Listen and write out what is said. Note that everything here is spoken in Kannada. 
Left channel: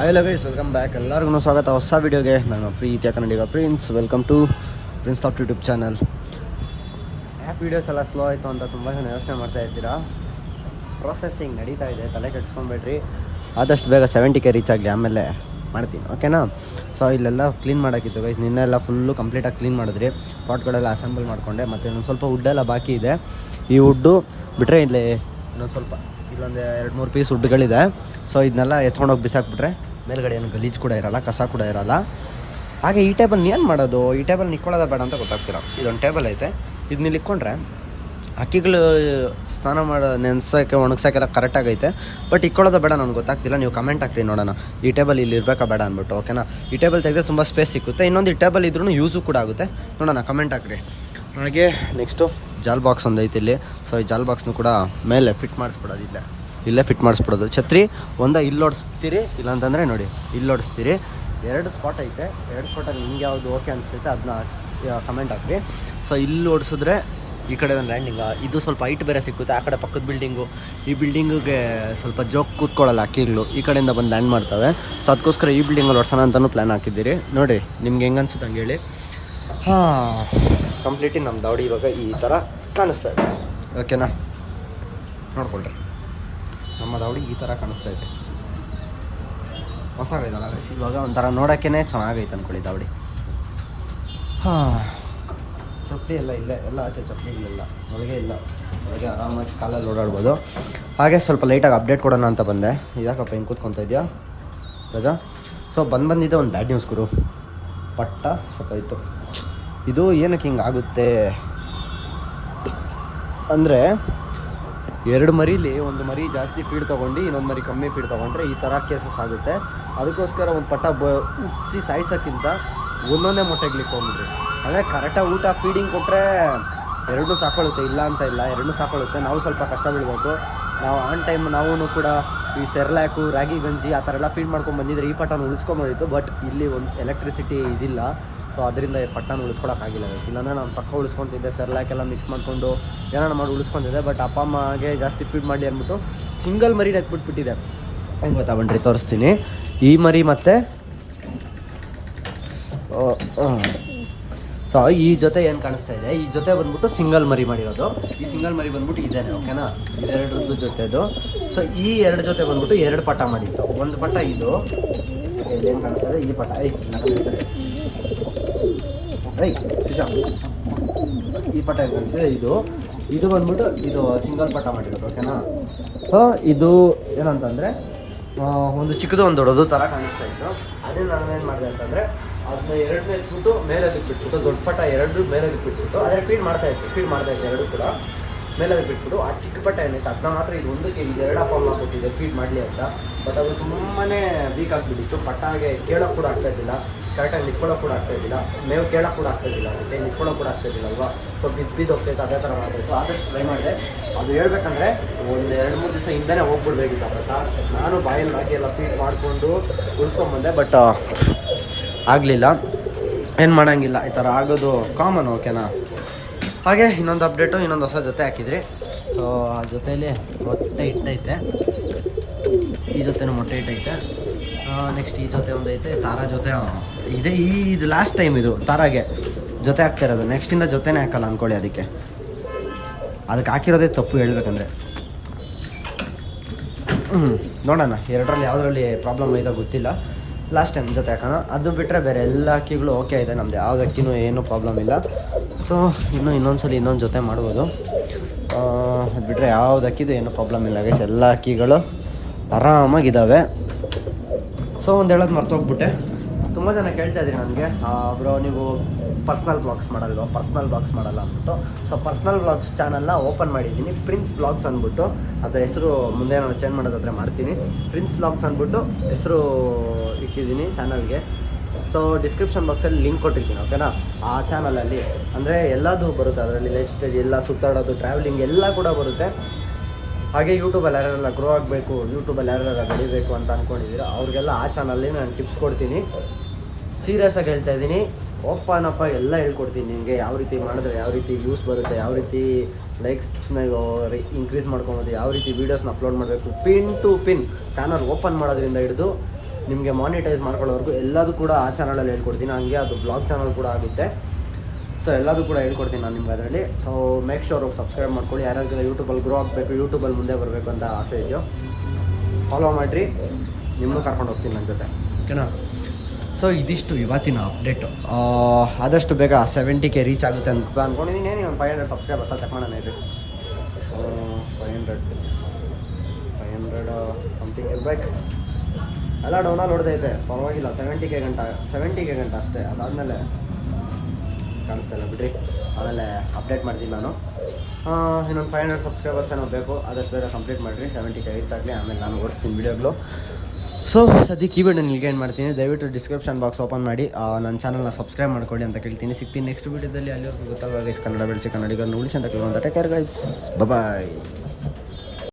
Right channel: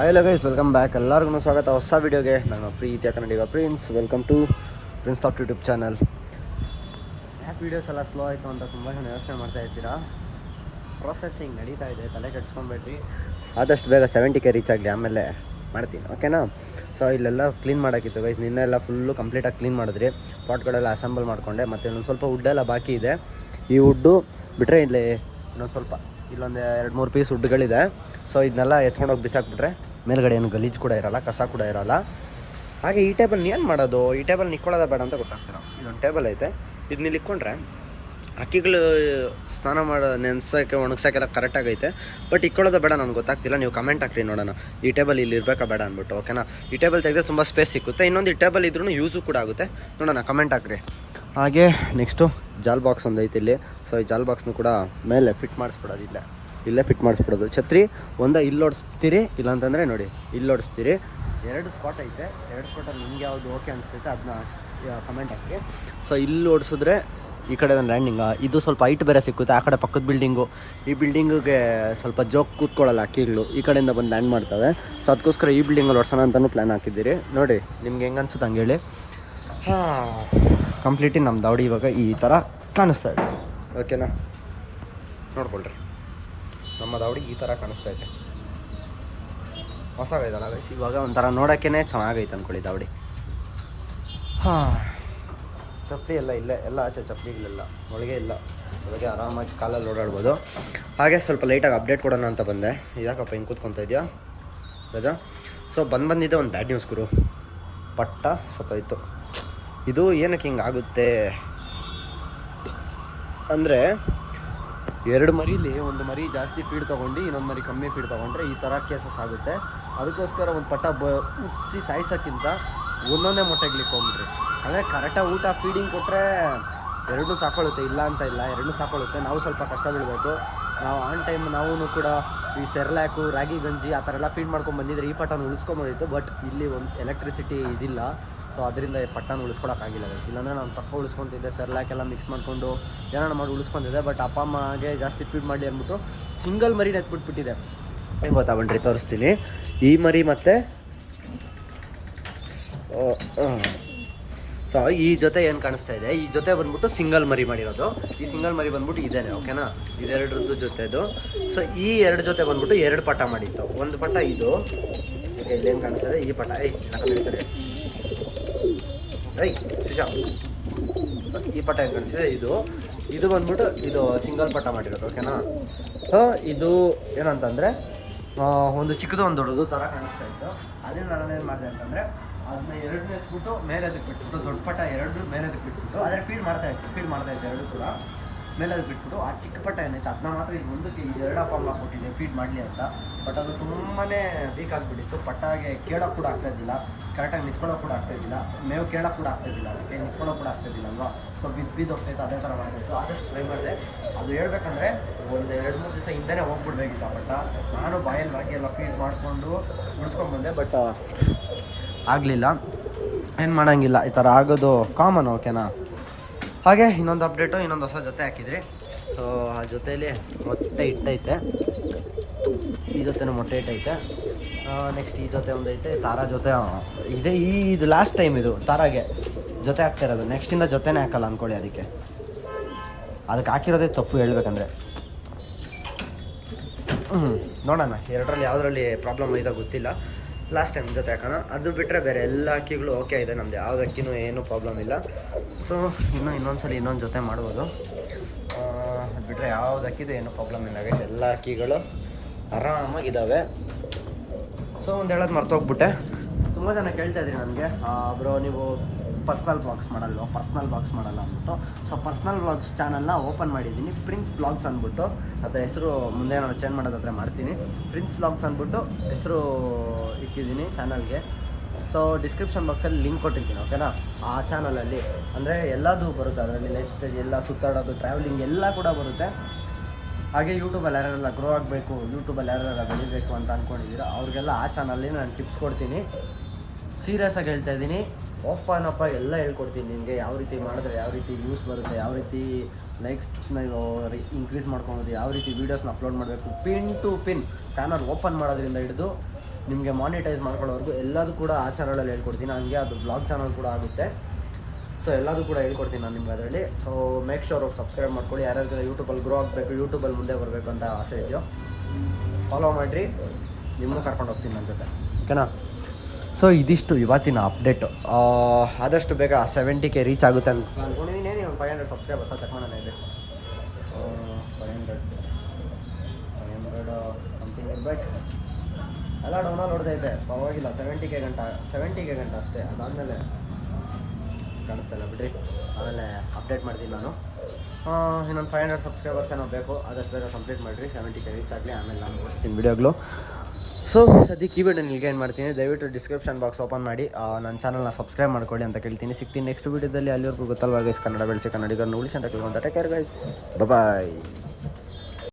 ಹಲೋ ಗೈಸ್ ವೆಲ್ಕಮ್ ಬ್ಯಾಕ್ ಎಲ್ಲರಿಗೂ ಸ್ವಾಗತ. ಹೊಸ ವಿಡಿಯೋಗೆ ನನ್ನ ಪ್ರೀತಿಯ Kannadiga prince welcome to prince top YouTube channel app videos ಎಲ್ಲ ಸ್ಲೋ ಆಯಿತು ಅಂತ ತುಂಬ ಜನ ಯೋಚನೆ ಮಾಡ್ತಾ ಇರ್ತೀರಾ? ಪ್ರೊಸೆಸಿಂಗ್ ನಡೀತಾ ಇದೆ, ತಲೆ ಕೆಡ್ಸ್ಕೊಬೇಡ್ರಿ. ಆದಷ್ಟು ಬೇಗ ಸೆವೆಂಟಿ ಕೆ ರೀಚ್ ಆಗಲಿ, ಆಮೇಲೆ ಮಾಡ್ತೀನಿ ಓಕೆನಾ ಸೊ ಇಲ್ಲೆಲ್ಲ ಕ್ಲೀನ್ ಮಾಡೋಕ್ಕಿತ್ತು ಗೈಸ್ ನಿನ್ನೆಲ್ಲ ಫುಲ್ಲು ಕಂಪ್ಲೀಟಾಗಿ ಕ್ಲೀನ್ ಮಾಡಿದ್ರಿ. ಪಾಟ್ಗಳೆಲ್ಲ ಅಸೆಂಬಲ್ ಮಾಡಿಕೊಂಡೆ, ಮತ್ತು ಇನ್ನೊಂದು ಸ್ವಲ್ಪ ವುಡ್ಡೆಲ್ಲ ಬಾಕಿ ಇದೆ. ಈ ವುಡ್ಡು ಬಿಟ್ಟರೆ ಇಲ್ಲಿ ಇನ್ನೊಂದು ಸ್ವಲ್ಪ, ಇಲ್ಲೊಂದು ಎರಡು ಮೂರು ಪೀಸ್ ವುಡ್ಗಳಿದೆ ಸೊ ಇದನ್ನೆಲ್ಲ ಎತ್ಕೊಂಡೋಗಿ ಬಿಸಾಕ್ಬಿಟ್ರೆ ಮೇಲ್ಗಡೆ ಏನು ಗಲೀಜು ಕೂಡ ಇರಲ್ಲ, ಕಸ ಕೂಡ ಇರಲ್ಲ. ಹಾಗೆ ಈ ಟೇಬಲ್ ಏನು ಮಾಡೋದು? ಈ ಟೇಬಲ್ ನಿಕ್ಕೊಳ್ಳೋದ ಬೇಡ ಅಂತ ಗೊತ್ತಾಗ್ತಿಲ್ಲ. ಇದೊಂದು ಟೇಬಲ್ ಐತೆ. ಇದನ್ನ ಇಕ್ಕೊಂಡ್ರೆ ಅಕ್ಕಿಗಳು ಸ್ನಾನ ಮಾಡೋ, ನೆನ್ಸೋಕ್ಕೆ, ಒಣಗ್ಸೋಕ್ಕೆಲ್ಲ ಕರೆಕ್ಟಾಗೈತೆ ಬಟ್ ಇಕ್ಕೊಳ್ಳೋದು ಬೇಡ ನನಗೆ ಗೊತ್ತಾಗ್ತಿಲ್ಲ. ನೀವು ಕಮೆಂಟ್ ಹಾಕ್ತೀನಿ ನೋಡೋಣ. ಈ ಟೇಬಲ್ ಇಲ್ಲಿ ಇರಬೇಕಾ ಬೇಡ ಅಂದ್ಬಿಟ್ಟು ಓಕೆನಾ ಈ ಟೇಬಲ್ ತೆಗೆದ್ರೆ ತುಂಬ ಸ್ಪೇಸ್ ಸಿಕ್ಕುತ್ತೆ. ಇನ್ನೊಂದು ಈ ಟೇಬಲ್ ಇದ್ರೂ ಯೂಸು ಕೂಡ ಆಗುತ್ತೆ. ನೋಡೋಣ ಕಮೆಂಟ್ ಹಾಕ್ರಿ. ಹಾಗೆ ನೆಕ್ಸ್ಟು ಜಾಲ್ ಬಾಕ್ಸ್ ಒಂದು ಐತೆ ಇಲ್ಲಿ. ಸೊ ಈ ಜಾಲ್ ಬಾಕ್ಸ್ನು ಕೂಡ ಮೇಲೆ ಫಿಟ್ ಮಾಡಿಸ್ಬಿಡೋದು ಇಲ್ಲೇ ಫಿಟ್ ಮಾಡಿಸ್ಬಿಡೋದು. ಛತ್ರಿ, ಒಂದ ಇಲ್ಲಿ ಓಡಿಸ್ತೀರಿ, ಇಲ್ಲಾಂತಂದರೆ ನೋಡಿ, ಇಲ್ಲಿ ಓಡಿಸ್ತೀರಿ. ಎರಡು ಸ್ಪಾಟ್ ಐತೆ. ಎರಡು ಸ್ಪಾಟಲ್ಲಿ ನಿಮ್ಗೆ ಯಾವುದು ಓಕೆ ಅನಿಸ್ತೈತೆ ಅದನ್ನ ಕಮೆಂಟ್ ಹಾಕಿ ಸೊ ಇಲ್ಲಿ ಓಡಿಸಿದ್ರೆ ಈ ಕಡೆ ಲ್ಯಾಂಡಿಂಗ್ ಇದು ಸ್ವಲ್ಪ ಹೈಟ್ ಬೇರೆ ಸಿಕ್ಕುತ್ತೆ. ಆ ಕಡೆ ಪಕ್ಕದ ಬಿಲ್ಡಿಂಗು ಈ ಬಿಲ್ಡಿಂಗಿಗೆ ಸ್ವಲ್ಪ ಜೋಕ್ ಕೂತ್ಕೊಳ್ಳಲ್ಲ ಅಕ್ಕಿಗಳು ಈ ಕಡೆಯಿಂದ ಬಂದು ಲ್ಯಾಂಡ್ ಮಾಡ್ತವೆ. ಸೊ ಅದಕ್ಕೋಸ್ಕರ ಈ ಬಿಲ್ಡಿಂಗಲ್ಲಿ ಓಡಿಸೋಣ ಅಂತಲೂ ಪ್ಲ್ಯಾನ್ ಹಾಕಿದ್ದೀರಿ. ನೋಡಿ, ನಿಮ್ಗೆ ಹೆಂಗೆ ಅನ್ಸುತ್ತೆ ಹಂಗೆ ಹೇಳಿ. ಹಾಂ ಕಂಪ್ಲೀಟಿ ನಮ್ಮ ದಾವಡಿ ಇವಾಗ ಈ ಥರ ಕಾಣಿಸ್ತಾ ಇದೆ. ಓಕೆನಾ ನೋಡ್ಕೊಳ್ರಿ. ನಮ್ಮ ದಾವಡಿ ಈ ಥರ ಕಾಣಿಸ್ತಾ ಇದೆ. ಹೊಸಾಗೈತಲ್ಲ ಗೈಸ್ ಇವಾಗ ಒಂಥರ ನೋಡೋಕ್ಕೇ ಚೆನ್ನಾಗೈತೆ ಅಂದ್ಕೊಳ್ಳಿ ದಾವಡಿ ಹಾಂ. ಚಪ್ಪಲಿ ಎಲ್ಲ ಇಲ್ಲ ಎಲ್ಲ ಆಚೆ ಚಪ್ಪಲಿಗಳೆಲ್ಲ ಒಳಗೆ ಇಲ್ಲ. ಒಳಗೆ ಆರಾಮಾಗಿ ಕಾಲಲ್ಲಿ ಓಡಾಡ್ಬೋದು. ಹಾಗೆ ಸ್ವಲ್ಪ ಲೈಟಾಗಿ ಅಪ್ಡೇಟ್ ಕೊಡೋಣ ಅಂತ ಬಂದೆ. ಇದಕ್ಕಪ್ಪ ಹಿಂಗೆ ಕೂತ್ಕೊತಾ ಇದೆಯಾ? ರಜಾ? ಸೊ ಬಂದು ಬಂದಿದ್ದೆ ಒಂದು ಬ್ಯಾಡ್ ನ್ಯೂಸ್ ಗುರು. ಪಟ್ಟ ಸತ್ತೋಯ್ತು. ಇದು ಏನಕ್ಕೆ ಹಿಂಗೆ ಆಗುತ್ತೆ? ಅಂದರೆ ಎರಡು ಮರಿಲಿ ಒಂದು ಮರಿ ಜಾಸ್ತಿ ಫೀಡ್ ತೊಗೊಂಡು ಇನ್ನೊಂದು ಮರಿ ಕಮ್ಮಿ ಫೀಡ್ ತೊಗೊಂಡ್ರೆ ಈ ಥರ ಕೇಸಸ್ ಆಗುತ್ತೆ. ಅದಕ್ಕೋಸ್ಕರ ಒಂದು ಪಟ್ಟ ಬ ಉಪ್ಸಿ ಸಾಯಿಸೋಕ್ಕಿಂತ ಒಂದೊಂದೇ ಮೊಟ್ಟೆಗ್ಲಿಕ್ಕೆ ಹೋಗ್ಬಿಡ್ರಿ ಅಂದರೆ ಕರೆಕ್ಟಾಗಿ ಊಟ ಫೀಡಿಂಗ್ ಕೊಟ್ಟರೆ ಎರಡೂ ಸಾಕೊಳ್ಳುತ್ತೆ ಇಲ್ಲ ಅಂತ ಇಲ್ಲ, ಎರಡೂ ಸಾಕೊಳ್ಳುತ್ತೆ ನಾವು ಸ್ವಲ್ಪ ಕಷ್ಟ ಬೀಳಬೇಕು. ನಾವು ಆನ್ ಟೈಮ್ ನಾವು ಕೂಡ ಈ ಸೆರ್ಲ್ಯಾಕು ರಾಗಿ ಗಂಜಿ ಆ ಥರ ಎಲ್ಲ ಫೀಡ್ ಮಾಡ್ಕೊಂಡು ಬಂದಿದ್ರೆ ಈ ಪಟನ ಉಳಿಸ್ಕೊಂಬೋದಿತ್ತು ಬಟ್ ಇಲ್ಲಿ ಒಂದು ಎಲೆಕ್ಟ್ರಿಸಿಟಿ ಇದಿಲ್ಲ. ಸೊ ಅದರಿಂದ ಪಟ್ಟನ ಉಳಿಸ್ಕೊಳಕ್ಕಾಗಿಲ್ಲ ಗೈಸ್ ಇಲ್ಲಾಂದರೆ ನಾನು ಪಕ್ಕ ಉಳಿಸ್ಕೊತಿದ್ದೆ ಸೆರ್ಲ್ಯಾಕ್ ಎಲ್ಲ ಮಿಕ್ಸ್ ಮಾಡಿಕೊಂಡು ಏನಾರ ಮಾಡಿ ಉಳಿಸ್ಕೊತಿದ್ದೆ ಬಟ್ ಅಪ್ಪ ಅಮ್ಮಗೆ ಜಾಸ್ತಿ ಫೀಡ್ ಮಾಡಿ ಅಂದ್ಬಿಟ್ಟು ಸಿಂಗಲ್ ಮರಿನ ಎತ್ಬಿಟ್ಬಿಟ್ಟಿದೆ ಹೆಂಗೆ ಗೊತ್ತಾ ಬಂಡ್ರಿ ತೋರಿಸ್ತೀನಿ. ಈ ಮರಿ ಮತ್ತು ಸೊ ಈ ಜೊತೆ ಏನು ಕಾಣಿಸ್ತಾ ಇದೆ? ಈ ಜೊತೆ ಬಂದ್ಬಿಟ್ಟು ಸಿಂಗಲ್ ಮರಿ ಮಾಡಿರೋದು. ಈ ಸಿಂಗಲ್ ಮರಿ ಬಂದ್ಬಿಟ್ಟು ಇದೇನೆ ಓಕೆನಾ ಇದೆರಡರದ್ದು ಜೊತೆದು ಸೊ ಈ ಎರಡು ಜೊತೆ ಬಂದ್ಬಿಟ್ಟು ಎರಡು ಪಟ ಮಾಡಿತ್ತು. ಒಂದು ಪಟ್ಟ ಇದು. ಏನು ಕಾಣಿಸ್ತಾ ಇದೆ? ಈ ಪಟ. ಐ ಐ ಶಿಶಾ. ಈ ಪಟ ಕಳಿಸಿದೆ ಇದು. ಇದು ಬಂದ್ಬಿಟ್ಟು ಇದು ಸಿಂಗಲ್ ಪಟ ಮಾಡಿರೋದು ಓಕೆನಾ ಸೊ ಇದು ಏನಂತಂದರೆ ಒಂದು ಚಿಕ್ಕದು, ಒಂದು ದೊಡ್ಡದು ಥರ ಕಾಣಿಸ್ತಾ ಇತ್ತು. ಅದೇ ನಾನು ಏನು ಮಾಡಿದೆ ಅಂತಂದರೆ ಅದನ್ನ ಎರಡು ಮೇಲ್ಸ್ಬಿಟ್ಟು ಮೇಲೆ ಅದಕ್ಕೆ ಬಿಟ್ಬಿಟ್ಟು, ದೊಡ್ಡ ಪಟ ಎರಡು ಮೇಲೆ ಅದಕ್ಕೆ ಬಿಟ್ಬಿಟ್ಟು ಆದರೆ ಫೀಡ್ ಮಾಡ್ತಾ ಇತ್ತು ಫೀಡ್ ಮಾಡ್ತಾ ಇತ್ತು ಎರಡು ಕೂಡ. ಮೇಲೆ ಅದಕ್ಕೆ ಬಿಟ್ಬಿಟ್ಟು, ಆ ಚಿಕ್ಕ ಪಟ ಏನಿತ್ತು ಅದನ್ನ ಮಾತ್ರ ಇದು ಒಂದಕ್ಕೆ ಇದು ಎರಡು ಅಪ್ಪ ಅಮ್ಮ ಫೀಡ್ ಮಾಡಲಿ ಅಂತ. ಬಟ್ ಅದು ತುಂಬಾ ವೀಕ್ ಆಗಿಬಿಟ್ಟಿತ್ತು. ಪಟ್ಟಾಗೆ ಕೇಳೋಕೆ ಕೂಡ ಆಗ್ತಾ ಇದ್ದಿಲ್ಲ ಕರೆಕ್ಟಾಗಿ ನಿಂತ್ಕೊಳ್ಳೋ ಕೂಡ ಆಗ್ತಾ ಇದ್ದಿಲ್ಲ. ಮೇವು ಕೇಳೋ ಕೂಡ ಆಗ್ತಾ ಇದ್ದಿಲ್ಲ. ಅದಕ್ಕೆ ನಿಂತ್ಕೊಳ್ಳೋ ಕೂಡ ಆಗ್ತಾ ಇದ್ದಿಲ್ಲ ಅಲ್ವಾ? ಸೊ ಬಿದ್ದು ಬಿದ್ದು ಹೋಗ್ತೈತೆ ಅದೇ ಥರ ಮಾಡಿದೆ ಸೊ ಆದಷ್ಟು ಟ್ರೈ ಮಾಡಿದೆ ಅದು ಹೇಳ್ಬೇಕಂದ್ರೆ ಒಂದು ಎರಡು ಮೂರು ದಿವಸ ಹಿಂದೆನೇ ಹೋಗ್ಬಿಡ್ಬೇಕಿತ್ತು ಪಟ್ಟ ನಾನು ಬಾಯಲ್ಲಿ ಹಾಕಿ ಎಲ್ಲ ಫೀಟ್ ಮಾಡಿಕೊಂಡು ಉಳಿಸ್ಕೊಂಬಂದೆ ಬಟ್ ಆಗಲಿಲ್ಲ. ಏನು ಮಾಡೋಂಗಿಲ್ಲ, ಈ ಥರ ಆಗೋದು ಕಾಮನ್ ಓಕೆನಾ ಹಾಗೆ ಇನ್ನೊಂದು ಅಪ್ಡೇಟು ಇನ್ನೊಂದು ಹೊಸ ಜೊತೆ ಹಾಕಿದ್ರಿ. ಸೊ ಆ ಜೊತೆಯಲ್ಲಿ ಮೊಟ್ಟೆ ಇಟ್ಟೈತೆ. ಈ ಜೊತೆನೂ ಮೊಟ್ಟೆ ಇಟ್ಟೈತೆ. ನೆಕ್ಸ್ಟ್ ಈ ಜೊತೆ ಒಂದೈತೆ, ತಾರಾ ಜೊತೆ ಇದೆ, ಈ ಇದು ಲಾಸ್ಟ್ ಟೈಮ್ ಇದು, ತಾರಾಗೆ ಜೊತೆ ಹಾಕ್ತಾ ಇರೋದು. ನೆಕ್ಸ್ಟಿಂದ ಜೊತೆನೇ ಹಾಕಲ್ಲ ಅಂದ್ಕೊಳ್ಳಿ ಅದಕ್ಕೆ. ಅದಕ್ಕೆ ಹಾಕಿರೋದೇ ತಪ್ಪು ಹೇಳ್ಬೇಕಂದ್ರೆ. ಹ್ಞೂ ನೋಡೋಣ, ಎರಡರಲ್ಲಿ ಯಾವುದರಲ್ಲಿ ಪ್ರಾಬ್ಲಮ್ ಇದೆ ಗೊತ್ತಿಲ್ಲ. ಲಾಸ್ಟ್ ಟೈಮ್ ಜೊತೆ ಹಾಕೋಣ. ಅದು ಬಿಟ್ಟರೆ ಬೇರೆ ಎಲ್ಲ ಅಕ್ಕಿಗಳು ಓಕೆ ಇದೆ, ನಮ್ದು ಯಾವ್ದು ಅಕ್ಕಿನೂ ಏನೂ ಪ್ರಾಬ್ಲಮ್ ಇಲ್ಲ. ಸೊ ಇನ್ನೂ ಇನ್ನೊಂದ್ಸಲ ಇನ್ನೊಂದು ಜೊತೆ ಮಾಡ್ಬೋದು. ಅದು ಬಿಟ್ಟರೆ ಯಾವ್ದು ಅಕ್ಕಿದು ಏನೂ ಪ್ರಾಬ್ಲಮ್ ಇಲ್ಲ ಗೈಸ್ ಎಲ್ಲ ಅಕ್ಕಿಗಳು ಆರಾಮಾಗಿದ್ದಾವೆ ಸೊ ಒಂದು ಹೇಳೋದು ಮರ್ತೋಗ್ಬಿಟ್ಟೆ. ತುಂಬ ಜನ ಕೇಳ್ತಾ ಇದ್ರಿ ನನಗೆ. ಬ್ರೋ, ನೀವು ಪರ್ಸ್ನಲ್ ಬ್ಲಾಗ್ಸ್ ಮಾಡಲ್ವ ಪರ್ಸ್ನಲ್ ಬ್ಲಾಗ್ಸ್ ಮಾಡಲ್ಲ ಅಂದ್ಬಿಟ್ಟು. ಸೊ ಪರ್ಸ್ನಲ್ ಬ್ಲಾಗ್ಸ್ ಚಾನಲ್ನ ಓಪನ್ ಮಾಡಿದ್ದೀನಿ. ಪ್ರಿನ್ಸ್ ಬ್ಲಾಗ್ಸ್ ಅಂದ್ಬಿಟ್ಟು. ಅದರ ಹೆಸರು ಮುಂದೆ ನಾನು ಚೇಂಜ್ ಮಾಡೋದಾದ್ರೆ ಮಾಡ್ತೀನಿ. ಪ್ರಿನ್ಸ್ ಬ್ಲಾಗ್ಸ್ ಅಂದ್ಬಿಟ್ಟು ಹೆಸರು ಇಕ್ಕಿದ್ದೀನಿ ಚಾನಲ್ಗೆ ಸೊ ಡಿಸ್ಕ್ರಿಪ್ಷನ್ ಬಾಕ್ಸಲ್ಲಿ ಲಿಂಕ್ ಕೊಟ್ಟಿರ್ತೀನಿ ಓಕೆನಾ ಆ ಚಾನಲಲ್ಲಿ ಅಂದರೆ ಎಲ್ಲದೂ ಬರುತ್ತೆ. ಅದರಲ್ಲಿ ಲೈಫ್ ಸ್ಟೈಲ್ ಎಲ್ಲ, ಸುತ್ತಾಡೋದು ಟ್ರಾವೆಲಿಂಗ್ ಎಲ್ಲ ಕೂಡ ಬರುತ್ತೆ. ಹಾಗೆ ಯೂಟ್ಯೂಬಲ್ಲಿ ಯಾರೆಲ್ಲ ಗ್ರೋ ಆಗಬೇಕು ಯೂಟ್ಯೂಬಲ್ಲಿ ಯಾರೆಲ್ಲ ಬೆಳಿಬೇಕು ಅಂತ ಅಂದ್ಕೊಂಡಿದ್ದೀರ ಅವ್ರಿಗೆಲ್ಲ ಆ ಚಾನಲ್ಲಿ ನಾನು ಟಿಪ್ಸ್ ಕೊಡ್ತೀನಿ. ಸೀರಿಯಸ್ ಆಗಿ ಹೇಳ್ತಾ ಇದ್ದೀನಿ. ಓಪನ್ ಅಪ್ಪ ಎಲ್ಲ ಹೇಳ್ಕೊಡ್ತೀನಿ ನಿಮಗೆ ಯಾವ ರೀತಿ ಮಾಡಿದ್ರೆ ಯಾವ ರೀತಿ ವ್ಯೂಸ್ ಬರುತ್ತೆ, ಯಾವ ರೀತಿ ಲೈಕ್ಸ್ನ ಇನ್ಕ್ರೀಸ್ ಮಾಡ್ಕೊಬೋದು ಯಾವ ರೀತಿ ವೀಡಿಯೋಸ್ನ ಅಪ್ಲೋಡ್ ಮಾಡಬೇಕು. Pin to pin channel open ಮಾಡೋದ್ರಿಂದ ಹಿಡಿದು ನಿಮಗೆ ಮಾನಿಟೈಸ್ ಮಾಡ್ಕೊಳ್ಳೋವರೆಗೂ ಎಲ್ಲದೂ ಕೂಡ ಆ ಚಾನಲಲ್ಲಿ ಹೇಳ್ಕೊಡ್ತೀನಿ. ಹಂಗೆ ಅದು ಬ್ಲಾಗ್ ಚಾನಲ್ ಕೂಡ ಆಗುತ್ತೆ. ಸೊ ಎಲ್ಲದೂ ಕೂಡ ಹೇಳ್ಕೊಡ್ತೀನಿ ನಾನು ನಿಮ್ಗೆ ಅದರಲ್ಲಿ. ಸೊ ಮೇಕ್ ಶೋರ್ ಹೋಗಿ ಸಬ್ಸ್ಕ್ರೈಬ್ ಮಾಡ್ಕೊಳ್ಳಿ. ಯಾರ್ಯಾರಿಗೆಲ್ಲ ಯೂಟ್ಯೂಬಲ್ಲಿ ಗ್ರೋ ಆಗಬೇಕು ಯೂಟ್ಯೂಬಲ್ಲಿ ಮುಂದೆ ಬರಬೇಕು ಅಂತ ಆಸೆ ಇದೆಯೋ ಫಾಲೋ ಮಾಡಿರಿ. ನಿಮ್ಮನ್ನು ಕರ್ಕೊಂಡು ಹೋಗ್ತೀನಿ ನನ್ನ ಜೊತೆ. ಓಕೆನಾ? ಸೊ ಇದಿಷ್ಟು ಇವತ್ತಿನ ಅಪ್ಡೇಟು ಆದಷ್ಟು ಬೇಗ ಸೆವೆಂಟಿ ಕೆ ರೀಚ್ ಆಗುತ್ತೆ ಅಂತ ಅಂದ್ಕೊಂಡಿದ್ದೀನಿ ಏನು ಒಂದು ಫೈವ್ ಹಂಡ್ರೆಡ್ ಸಬ್ಸ್ಕ್ರೈಬರ್ಸ ಚೆಕ್ ಮಾಡೋಣ ಇರಿ five hundred five hundred something ಇರ್ಬೇಕು. ಎಲ್ಲ ಡೌನಲ್ಲಿ ಹೊಡೆದೈತೆ ಪರವಾಗಿಲ್ಲ ಸೆವೆಂಟಿ ಕೆ ಗಂಟ ಸೆವೆಂಟಿ ಕೆ ಗಂಟ ಅಷ್ಟೇ. ಅದಾದಮೇಲೆ ಕಾಣಿಸ್ತಾ ಇಲ್ಲ. ಬಿಡ್ರಿ. ಆಮೇಲೆ ಅಪ್ಡೇಟ್ ಮಾಡ್ತೀನಿ ನಾನು. ಇನ್ನೊಂದು ಫೈವ್ ಹಂಡ್ರೆಡ್ ಸಬ್ಸ್ಕ್ರೈಬರ್ಸ್ ಏನೋ ಬೇಕು, ಆದಷ್ಟು ಬೇಗ ಕಂಪ್ಲೀಟ್ ಮಾಡಿರಿ. ಸೆವೆಂಟಿ ಕೆ ರೀಚ್ ಆಗಲಿ, ಆಮೇಲೆ ನಾನು ಓಡಿಸ್ತೀನಿ ವಿಡಿಯೋಗಳು ಸೊ ಸದ್ಯಕ್ಕೆ ಈ ವಿಡಿಯೋ ನಿಲ್ಗೆ ಏನು ಮಾಡ್ತೀನಿ, ದಯವಿಟ್ಟು ಡಿಸ್ಕ್ರಿಪ್ಷನ್ ಬಾಕ್ಸ್ ಓಪನ್ ಮಾಡಿ. ನನ್ನ ಚಾನಲ್ನ ಸಬ್ಸ್ಕ್ರೈಬ್ ಮಾಡ್ಕೊಳ್ಳಿ ಅಂತ ಕೇಳ್ತೀನಿ. ಸಿಗ್ತೀನಿ ನೆಕ್ಸ್ಟ್ ವೀಡಿಯೋದಲ್ಲಿ ಅಲ್ಲಿವರೆಗೂ ಗೊತ್ತಲ್ವಾ ಗೈಸ್ ಕನ್ನಡ ಬೆಳೆಸಿ ಕನ್ನಡಿಗರನ್ನು ಉಳಿಸಿ ಅಂತ ಕೇಳುವಂಥ ಟೇಕ್ ಕೇರ್ ಗೈಸ್ ಬಾಯ್